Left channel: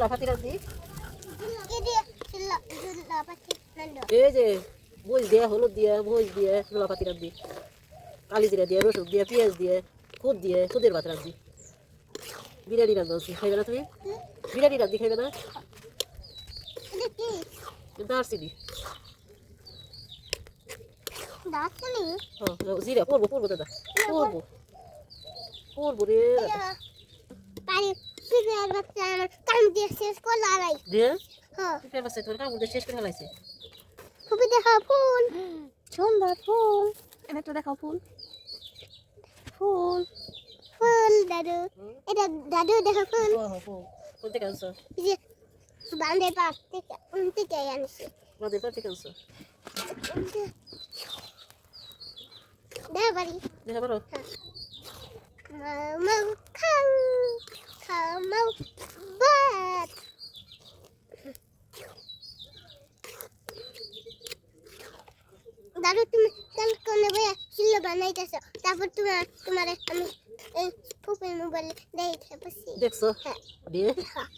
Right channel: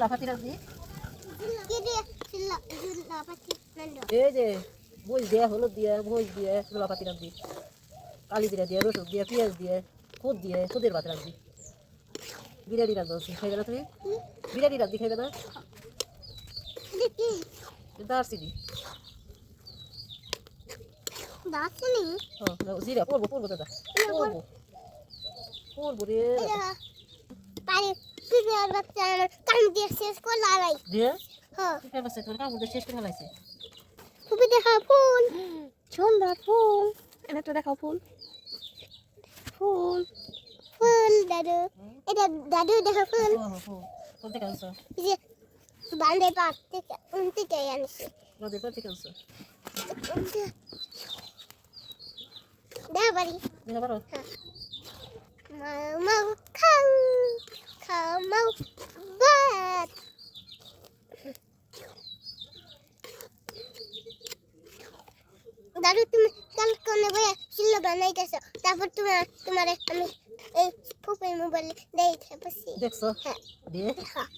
লাফাতি রাখবি কে দিয়ে লাপাতি নন্দ এই যে মরিচ দিয়ে হলুদ দিয়ে মরিচ দিয়ে লাফাতি রাখবি কালি জিরা দিয়ে রসুন দিয়ে পেঁয়াজ দিয়ে খুদ দিয়ে খুদের ভাত রাখবি বিরিয়ানি রাখবি খাইবে না তুমি বিরিয়ানি রাখবি খাইবে না দেখি দারচিনি দাসনি জিরা পড়বো দাদা পড়বো রে পানি পিপিআর বাচ্চা আমার কাম দিয়ে শেষ করে লালাই দিয়ে হ্যাঁ ফেমাস তোর কাম শেষ করে ফেলাইছে খুবই দেখা ফুল সুন্দর ফুল এটা তো দেখা ফুল ফুল ফুল দাদু এটা দাদু দেখা ফুল কোনটা কানছো যে বান্দে পাট থেকে উনতে চাই আনছি বাদে পাটি কানছো দেখা বাড়ি দেখা পারো mau mau bat দাদু তুমি কাল কোনে ভাই শিল্লা বানাইতেছ তারপর তোমার আমি এই ফুপের মোবাইল দেখতে পাচ্ছি দেখছো হ্যাঁ দিয়ে হ্যাঁ